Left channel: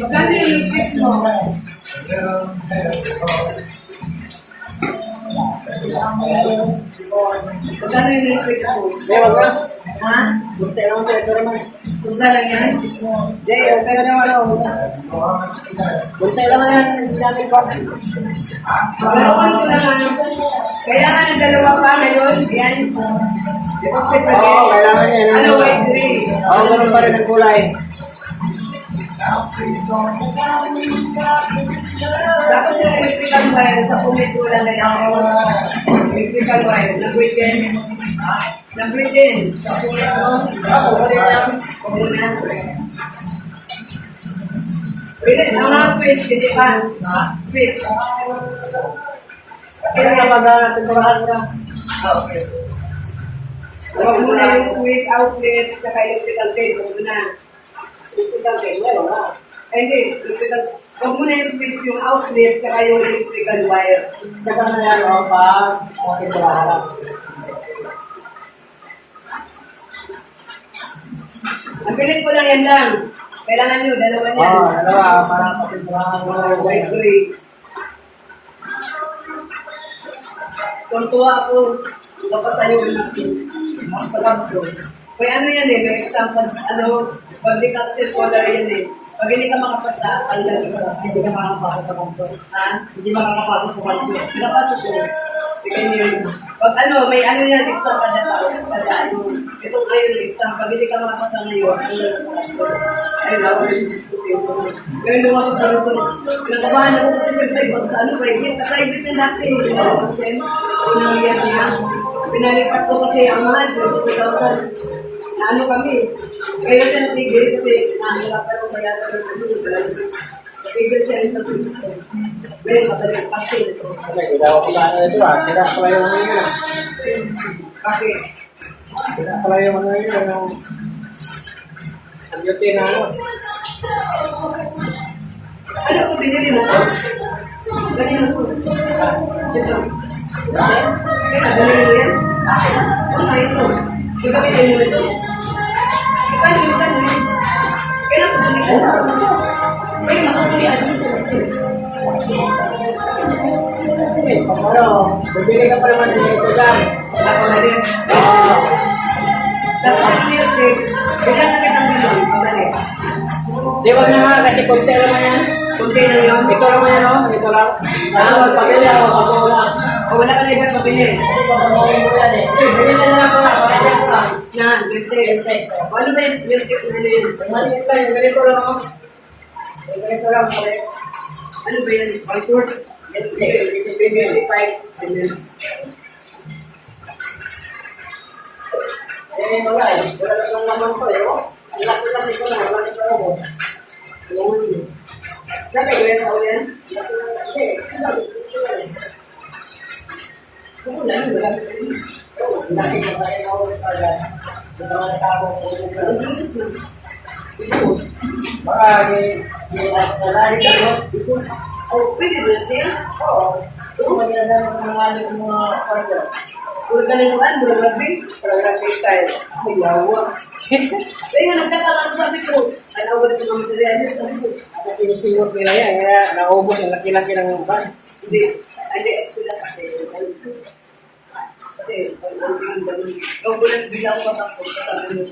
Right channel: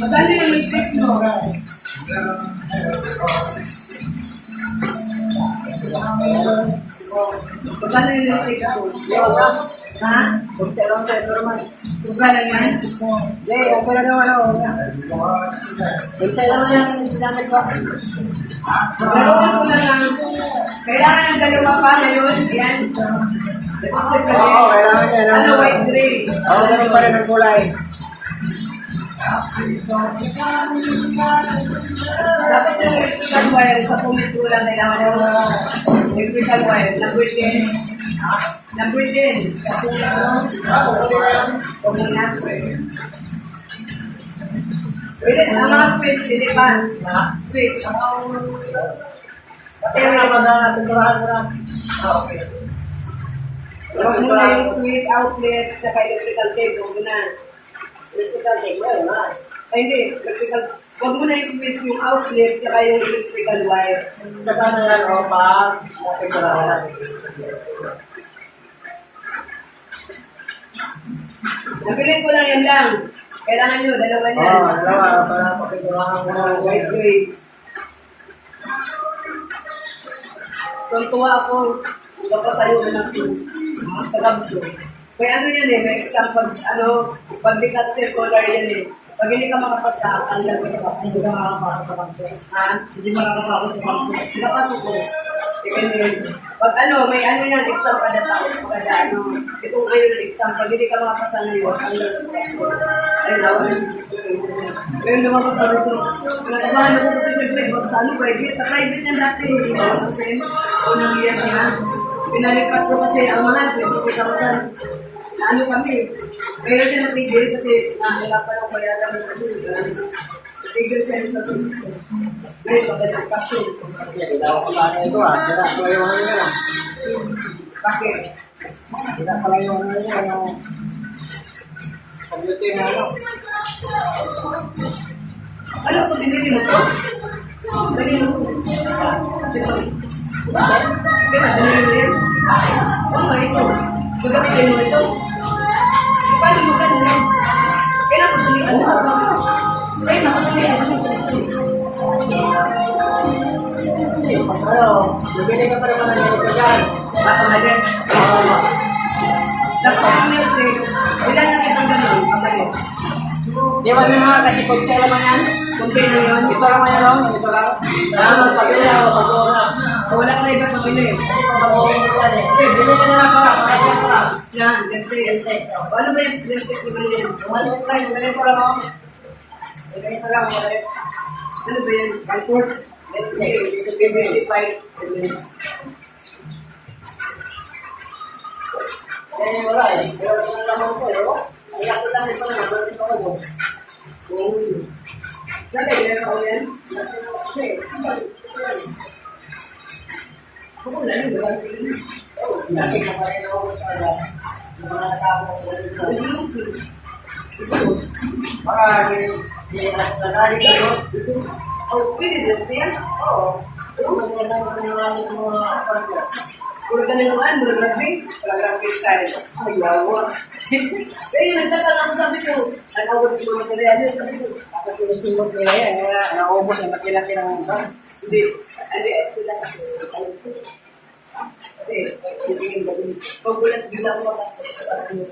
Magkano yung matrix mo? Magkano yung matrix mo? May wag na. Ha? Punta lang sa ito naman. Sobra lang yan? Hindi, okay na naman ako. Punta lang yan. Sinabi ko. Ganoon ko naman. Kailangan ng dalawa pa ngayon. Yan. Deposit pa rin. Oo, kailangan yan. Ano, white gray? Oo, ganun pa rin ang kulay. Tapos yung electrical wire sa pumito lang kailangan yung electrical wire. Number 10. Number 10. Sa pumito. Kumuna. Pwede, ang mga switch, hindi ba? Switch. Kaya nga mag-tinturahan mo na. Okay. Huwag muna yung switch outlet at electrical tape. Huwag muna. Electrical tape, meron na. Ay, hindi. Electrical. Huwag muna yung switch yung outlet at yung electrical wire. Saka na yan, o, pag tinturahan na. Ang pilit ko lang yan lang. Kailangan nyo, dalawa niya. Oo, dalawa, para papinturahan mo na. White gray. Tuntua ako. Papasayo na ako. Pagabso. Kaya ano yan eh, may exam pag, pag di ka kasi scholar yan eh. Pag hindi ka makapasa, tanggal ka sa kapso. Hindi ka makakapasok sa kanso. Ha? Hindi makakapasok sa kanso. Nakapasok ko. Tingnan nyo yun. Pag may yan, exam kada taon. Kada itong ngayon exam. Pag hindi ka makapasa ngayon, tanggal ka sa kapso. Ayun lang, ngayon lumabas sa gusto. Nakabahan ako kasi siyempre, sa private. Sa private na dati, unang year niya. Pinalipat ko kasi ang mahal, 22,000. Na kami. Kaya siya natigil kasi nahihirapan ako bayaran ng natigil siya rin sa tulis ko. Ngayon, pabalik kasi. Hindi ako pagkano ito sira pala yung ano yun Bakit? Sira pala yung ano yun, ang beauty na Ano po binili mo po? Binili mo po. Dito. Kaya binili mo yan? Ano ito? Gagamitin mo ito. Paano mo ka na yun? Kaya nakusulitan mo. Kaya nakusulitan mo. Ano, bibili ka pa naman ng ganito dyan. Ako na din. Oo. Tapos ang Netflix, bilang na kitang gano'n, pabalik. Di wag na nga, kasi konti naman yan. Kunti na yun. Ito naman yan, oh. Ito lang. Ano, pabili ako, patuwa na. O wala ka na ibang pabili. Kasi papatuloy mo yan eh. Sige, bili ka na lang ko lang. Pagkakas ko lang. Yan, Netflix. O ano ba yung Netflix na binili? Yung maliit lang, yung ganito lang, oh. Yung ganito lang, maliit. Ano ba yan? Whiteboard? PVC pipe. Eh, wala eh. Wala lang naman ko eh, oh. Ang laki lang ito na, wala ito ako. Sabi ko yan sa ulan? Laki lang kasi. Ako lang, wala ka rin. Laki ka pa rin ako agad. Yung mga nakako ko dito. Marami. Nalari ka, no? Oh, pwede din siya? Oo. Ito, magandang mga partner. Puro ka lang naman, puro grabe. Talagang style. Ay, yawa. Kaya nagkakataon sabi ko, alawa sa mga materialis. Sabi ko, Ako pinisimot nila yan, kaya naubos ang laki-laki ng ban. hindi, sila kasi, kasi, ang tingin ganun. Kung bulan bilang papasok sa ano.